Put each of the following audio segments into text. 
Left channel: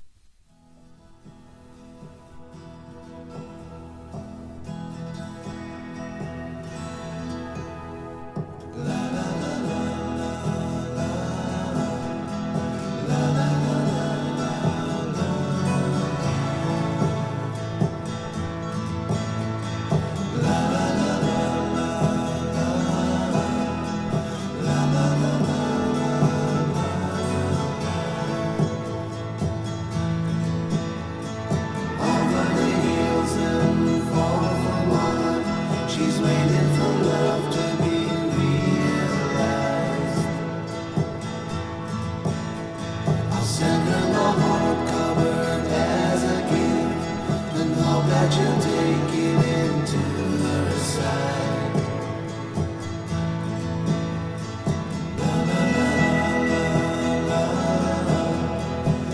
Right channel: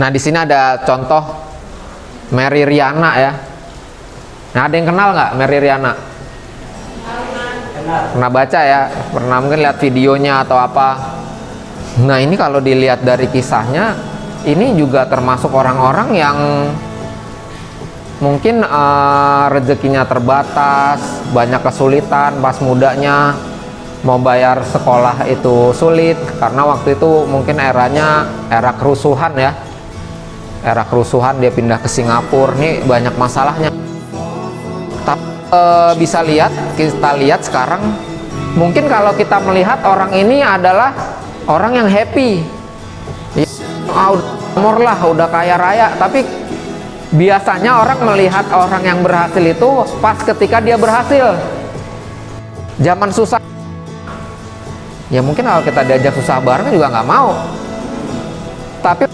Nah, di sini ada contoh Mary Riana ya. Nah, ada yang kenal nggak Mary Riana? Pernah baca ya? Pernah mungkin lihat videonya atau apa? Nah, ini kalau dilihat dari kisahnya, ini juga termasuk orang-orang yang mungkin rezekinya terbatas, banyak kesulitan pas mudanya, mau bayar sekolah itu sulit karena waktu itu mungkin eranya era kerusuhan ya. Era kerusuhan, dia pindah ke Singapura, nih banyak masalahnya. Tapi bisa kita lihat sekarang, mungkin kalau kita melihat orang ini adalah orang yang happy ya, umur lah, udah kaya raya. Tapi biasanya orang melihat orang yang berhasil itu pas ketika dia berhasil. Zaman susah ya, mungkin kalau kita diajak susah bareng juga nggak mau. Tapi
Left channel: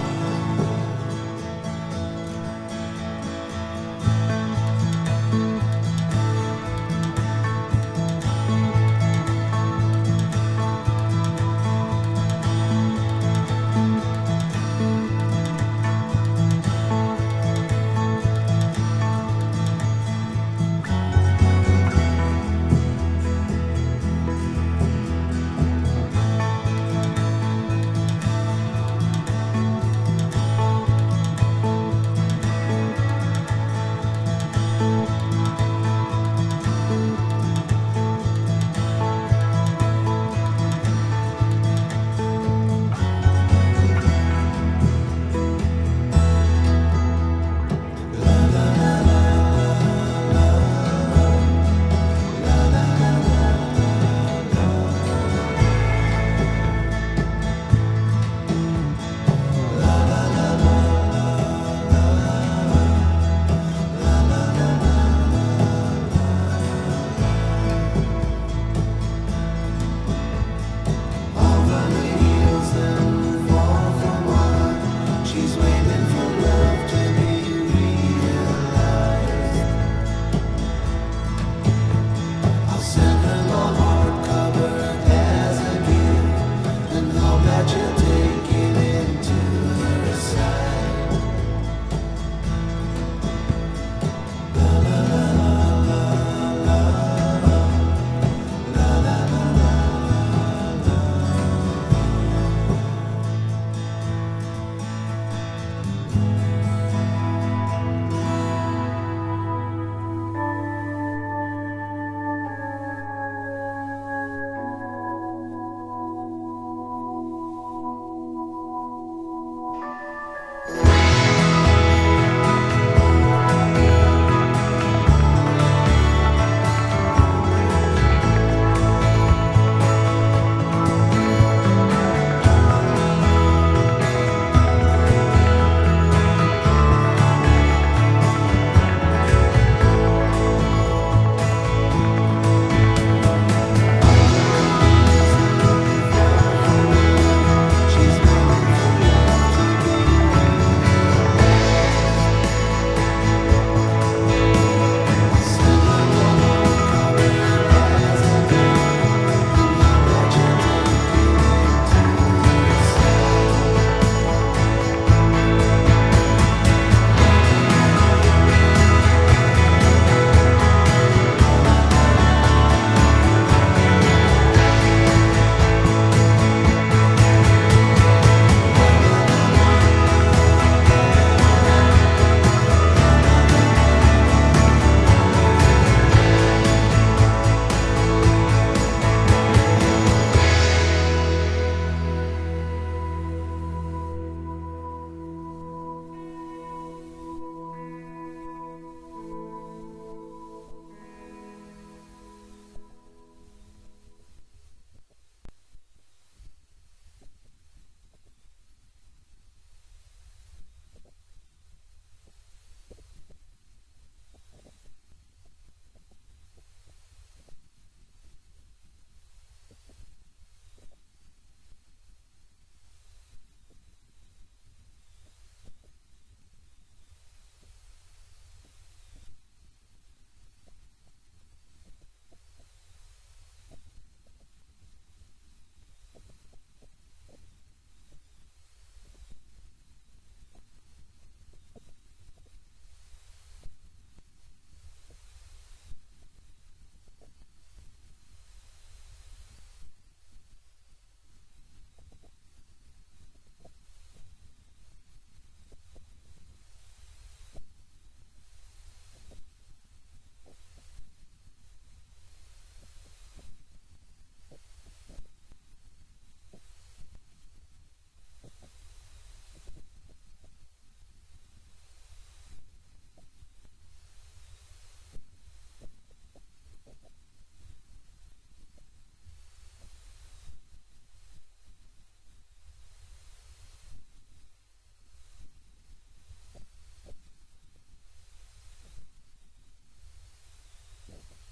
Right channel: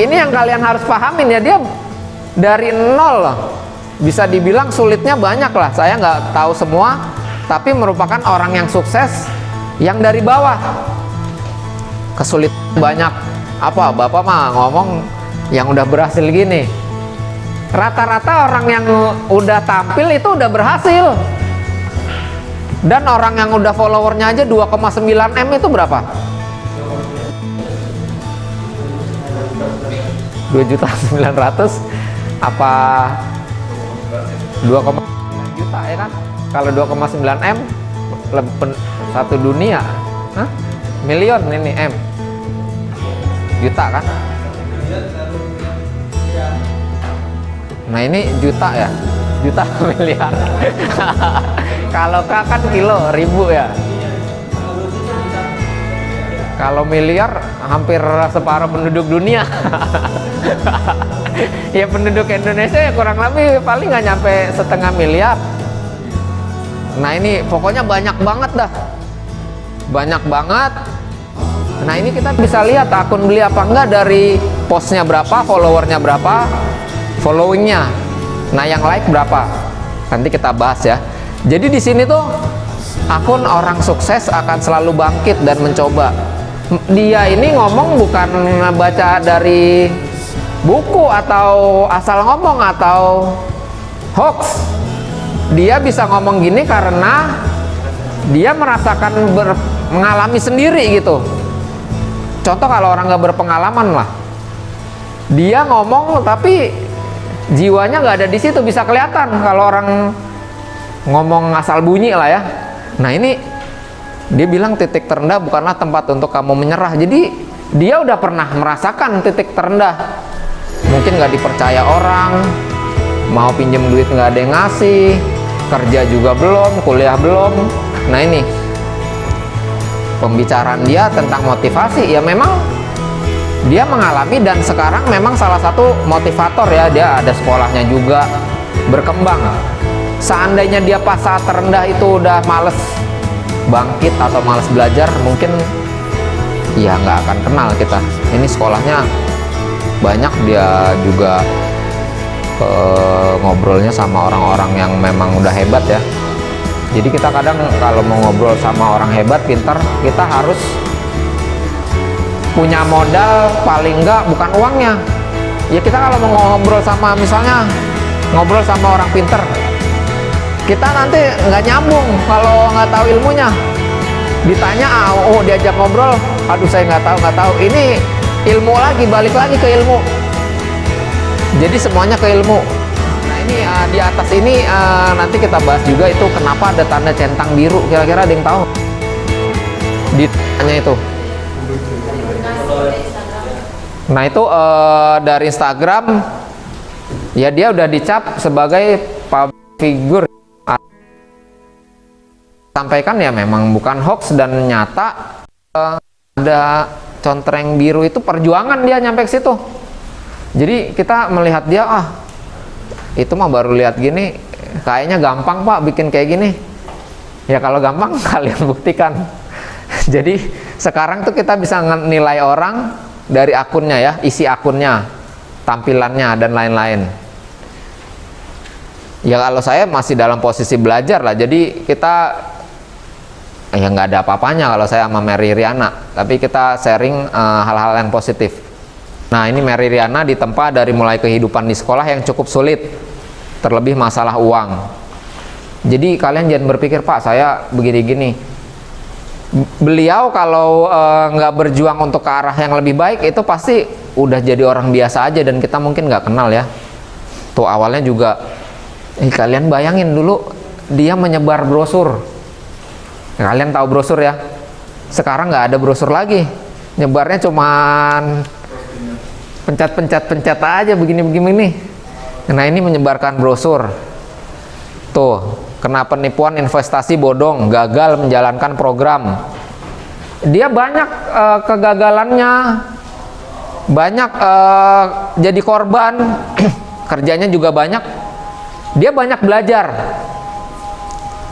ini yang kalian harus pahamin ya, dia dari nol loh. Bisa dibilang sulitnya banyak lah, saya nggak tahu semua, tapi merupakan orang yang sukses yang dari bawah. Kesulitan banyak. Apa bapak mah ngomong yang udah berhasil gini, rata-rata orang yang udah tampil itu udah berhasil. Dan orang yang udah followernya aja 2,9 M itu berapa? 2.900.000 apa 2, juta ya kan? Kalau 2,9 M lebih satu dunia. Hah? Milion ini M. Juta kan? Nah, ini juta ya. Juta miliar. Kalau K kan kilo, ribu ya. Kalau miliar hampir separuh penduduk dunia. Ya penduduk Indonesia ya kurang lebih paling nggak nyampe setengah miliar. Nah, ini pokoknya banyak banget dah. Banyak banget. Nah, ini kita bisa lihat akun beli apa enggak dari postnya berapa, followernya berapa, followingnya. Nah, yang like berapa. Nanti kita bahas ya. Jadi di sini tuh akun orang sukses akan selalu bangkit dan mencoba. Dia ini ngomong bukan baca dari buku atau asal ngomong atau hoax. Dia bisa ngomong gini karena dia merasakan mengalami sendiri gitu. Contoh kalau orang nggak berpengalaman lah, dia ngomong tapi jiwanya nggak ada di situ, bisa kelihatan kalau orang ngomong asal bunyi lah ya. Nah, ini dia bilang titik terendah bukanlah tempat untuk kamu menyerah. Jadi dia udah pernah merasakan titik terendah. Mungkin nggak dipercaya orang, mau pinjam duit nggak ada yang ngasih, kerja juga belum, kuliah belum. Nah, ini pembicaraan dia tentang motivasi ya, memang dia mengalami dan sekarang memang salah satu motivator ya. Dia ada sekolahnya juga, berkembang. Seandainya dia pas saat terendah itu udah males bangkit atau males belajar, mungkin ya nggak akan kenal kita. Ini sekolahnya banyak, dia juga ngobrolnya sama orang-orang yang memang udah hebat ya. Jadi kita kadang kalau mau ngobrol sama orang hebat, pintar, kita harus punya modal paling enggak bukan uangnya. Ya kita kalau mau ngobrol sama, misalnya ngobrol sama orang pintar, kita nanti nggak nyambung kalau nggak tahu ilmunya. Ditanya, diajak ngobrol, aduh saya nggak tahu. Ini ilmu lagi, balik lagi ke ilmu. Jadi semuanya ke ilmu. Nah, ini di atas ini nanti kita bahas juga itu kenapa ada tanda centang biru. Kira-kira ada yang tahu? Ditanya itu. Nah, itu dari Instagram ya, dia udah dicap sebagai public figure. Sampaikan ya memang bukan hoax dan nyata. Ada contreng biru itu perjuangan dia nyampe ke situ. Jadi kita melihat dia, itu mah baru lihat gini kayaknya gampang pak bikin kayak gini. Ya kalau gampang kalian buktikan. Jadi sekarang tuh kita bisa nilai orang dari akunnya ya, isi akunnya, tampilannya dan lain-lain. Ya kalau saya masih dalam posisi belajar lah, jadi kita ya nggak ada apa-apanya kalau saya sama Mary Riana, tapi kita sharing hal-hal yang positif. Nah, ini Mary Riana ditempa dari mulai kehidupan di sekolah yang cukup sulit, terlebih masalah uang. Jadi kalian jangan berpikir, Pak saya begini-gini. Beliau kalau nggak berjuang untuk ke arah yang lebih baik, itu pasti udah jadi orang biasa aja dan kita mungkin nggak kenal ya. Tuh awalnya juga, kalian bayangin dulu dia menyebar brosur. Kalian tahu brosur ya? Sekarang nggak ada brosur lagi, nyebarnya cuman pencet aja begini-begini nih. Nah ini menyebarkan brosur. Tuh, kena penipuan investasi bodong, gagal menjalankan program. Dia banyak kegagalannya, banyak jadi korban, kerjanya juga banyak. Dia banyak belajar.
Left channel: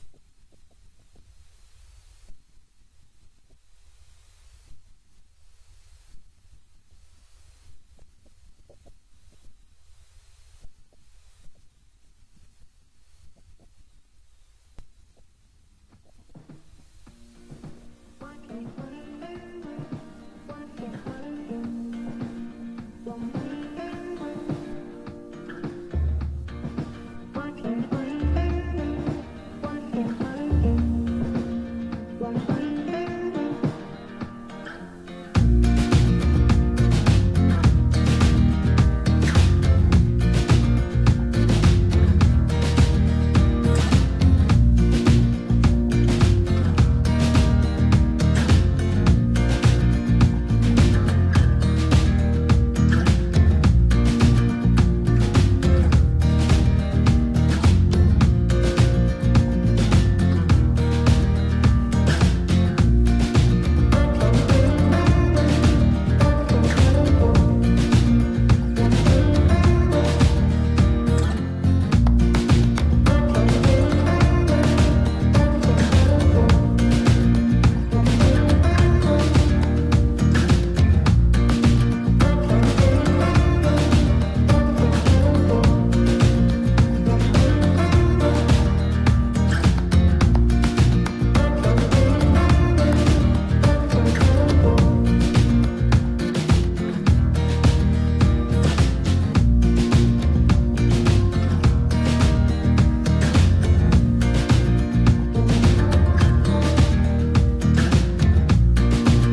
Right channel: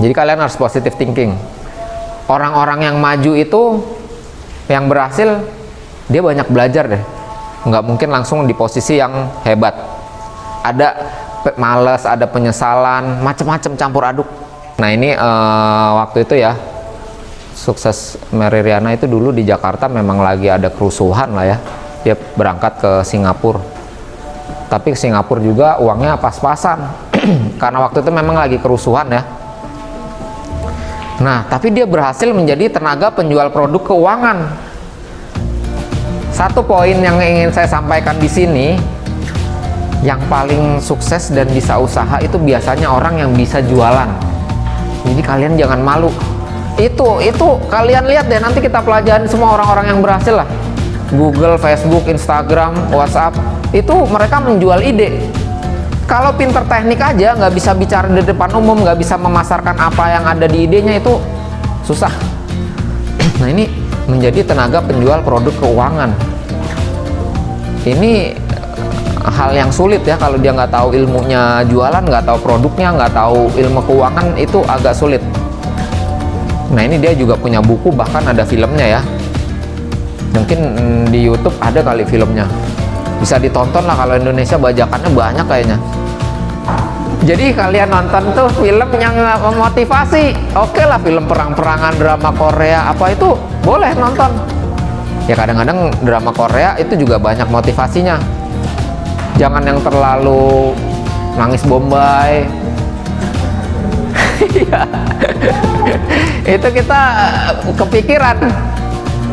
Jadi kalian harus positive thinking. Orang-orang yang maju itu, yang berhasil, dia banyak belajar deh. Nggak mungkin langsung di posisi yang hebat. Ada malas, ada penyesalan, macam-macam campur aduk. Nah ini waktu itu ya, sukses Mary Riana itu dulu di Jakarta memang lagi ada kerusuhan lah ya. Dia berangkat ke Singapura. Tapi ke Singapura juga uangnya pas-pasan. Karena waktu itu memang lagi kerusuhan ya. Nah, tapi dia berhasil menjadi tenaga penjual produk keuangan. Satu poin yang ingin saya sampaikan di sini, yang paling sukses dan bisa usaha itu biasanya orang yang bisa jualan. Jadi kalian jangan malu. Itu kalian lihat deh, nanti kita pelajarin semua orang-orang yang berhasil lah. Google, Facebook, Instagram, WhatsApp, itu mereka menjual ide. Kalau pinter teknik aja, nggak bisa bicara di depan umum, nggak bisa memasarkan apa yang ada di idenya, itu susah. Nah ini menjadi tenaga penjual produk keuangan. Ini hal yang sulit ya, kalau dia nggak tahu ilmunya jualan, nggak tahu produknya, nggak tahu ilmu keuangan, itu agak sulit. Nah ini dia juga punya buku, bahkan ada filmnya ya. Mungkin di YouTube ada kali filmnya. Bisa ditonton lah, kalau Indonesia bajakannya banyak kayaknya. Jadi kalian nonton tuh film yang memotivasi. Oke lah, film perang-perangan, drama Korea, apa itu boleh nonton. Ya kadang-kadang drama Korea itu juga banyak motivasinya. Jangan yang terlalu nangis bombay. Itu kita kepikiran.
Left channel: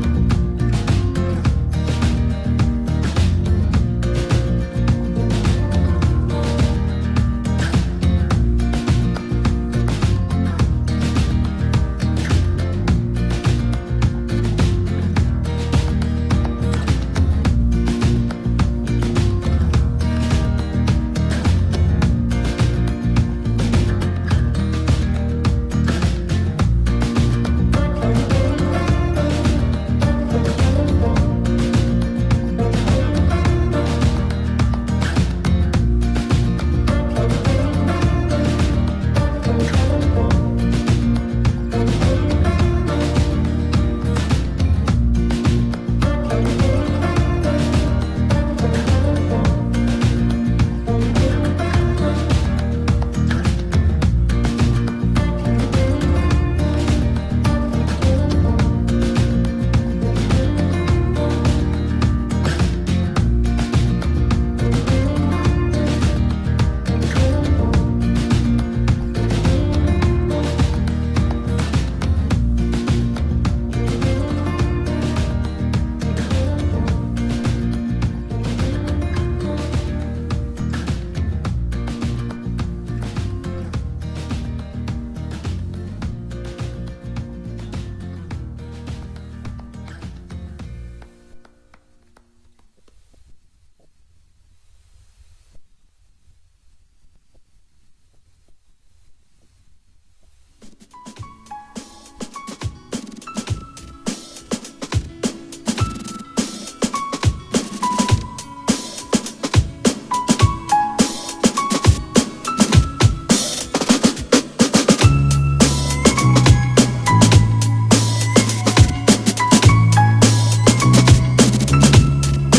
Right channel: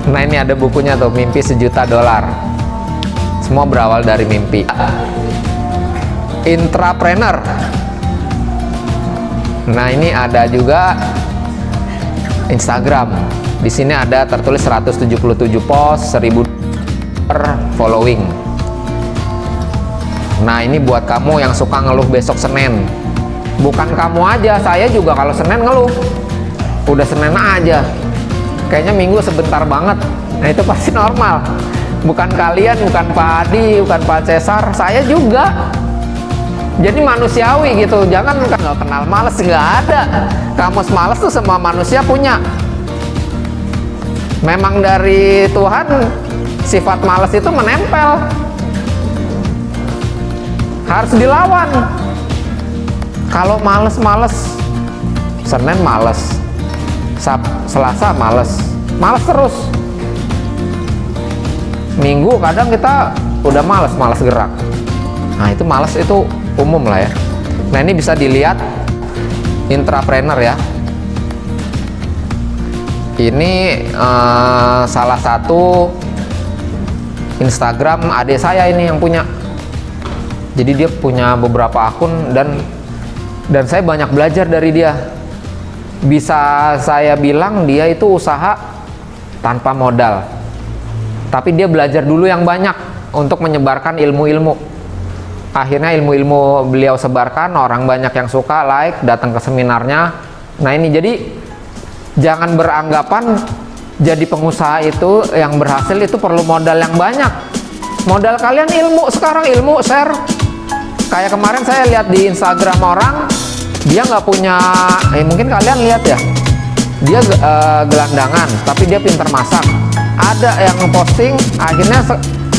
Nah ini ada bukunya tuh, Mimpi $1 Juta. Semua berawal dari mimpi. Intrapreneur. Nah ini ada juga Instagram. Di sini ada tertulis 177 post, 1000 following. Nah ini buat kamu yang suka ngeluh besok Senin. Bukan kamu aja, saya juga kalau Senin ngeluh. Udah Senin aja, kayaknya Minggu sebentar banget. Nah itu pasti normal. Bukan kalian, bukan Pak Adi, bukan Pak Cesar, saya juga. Jadi manusiawi gitu. Jangan nggak kenal males, nggak ada. Kamus males tuh semua manusia punya. Memang dari Tuhan sifat males itu menempel. Harus dilawan. Kalau males-males, Senin males, Selasa males, males terus. Minggu kadang kita udah males gerak. Nah itu males, itu umum lah ya. Nah ini bisa dilihat intrapreneur ya. Ini salah satu Instagram adik saya ini yang punya. Jadi dia punya beberapa akun dan saya banyak belajar dari dia. Bisa saya bilang dia itu usaha tanpa modal. Tapi dia belajar dulu yang banyak untuk menyebarkan ilmu-ilmu. Akhirnya ilmu-ilmu beliau sebarkan, orang banyak yang suka, like, datang ke seminarnya. Nah ini jadi jangan beranggapan jadi pengusaha itu yang berhasil itu perlu modal yang banyak. Modal kalian ilmu sekarang, ilmu share. Kayak kemarin saya lihat di Instagram orang, dia nggak punya, mungkin kalian lihat ya, dia gelandangan, tapi dia pintar masak. Ada yang posting, akhirnya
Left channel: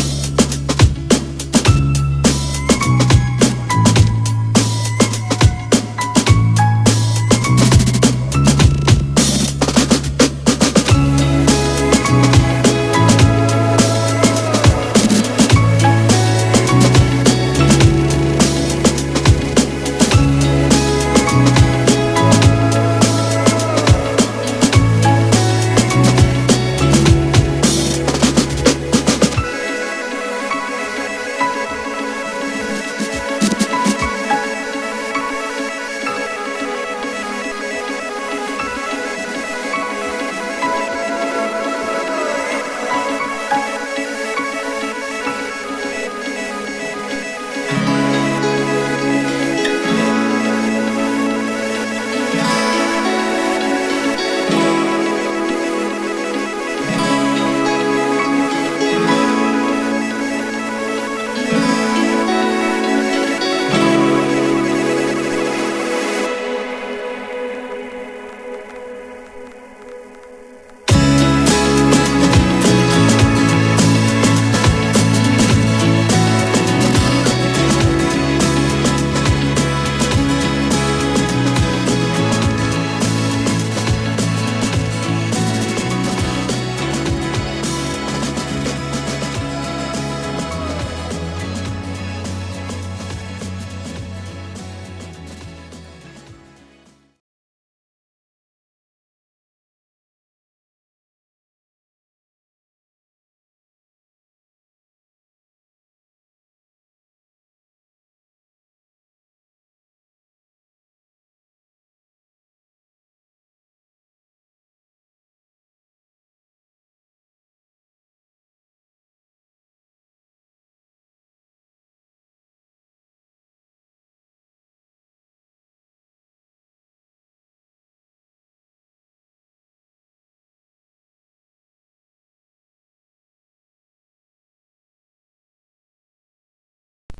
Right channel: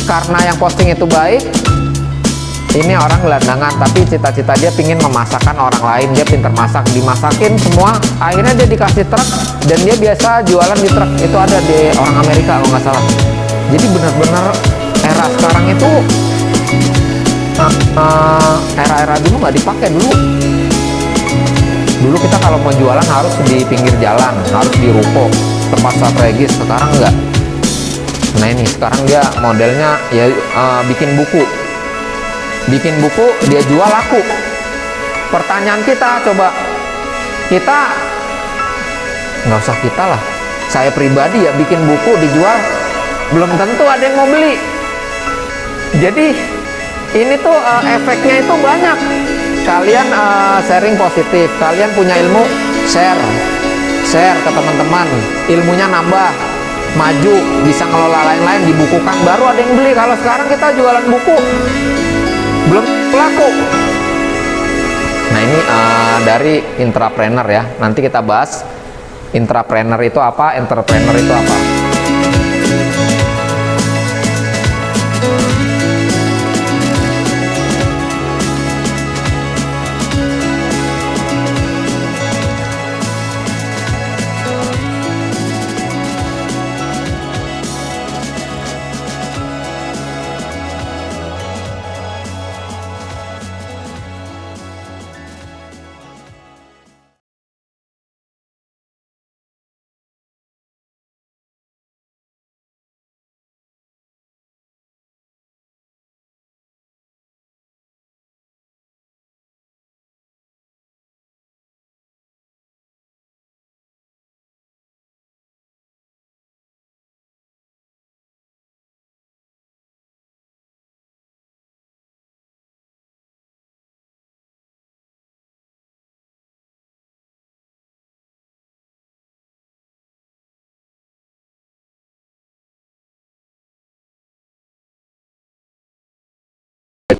karena yang posting itu baik, Ini orang gelandangan, tapi cita-cita dia pingin memasakkan orang lain. Dia pinter masak, dimasakin semua. Akhirnya dia dikasih truk dan dia biasa jualan di truk. Itu ada di orang Amerika kalau nggak salah. Jadi benar-benar era sekarang itu era-era dulu nggak dipakai dulu. Dulu kita kalau mau jualan harus di pinggir jalan, harus di ruko, tempat strategis. Sekarang enggak. Nah ini sekarang dia modelnya ya bikin buku. Bikin buku, dia jual laku. Pertanyaan kita coba, kita nggak usah kita lah, saya pribadi ya bikin buku dijual, belum tentu ada yang mau beli. Jadi ini tuh efeknya itu banyak. Kalian sharing positif, kalian punya ilmu, share ke teman-teman, ilmunya nambah, maju, bisa ngelola lain-lain, dibukukan, baru ada yang beli. Kalau sekarang kita jualan buku belum laku. Nah ini dari intrapreneur ya, nanti kita bahas intrapreneur itu apa, entrepreneur itu apa.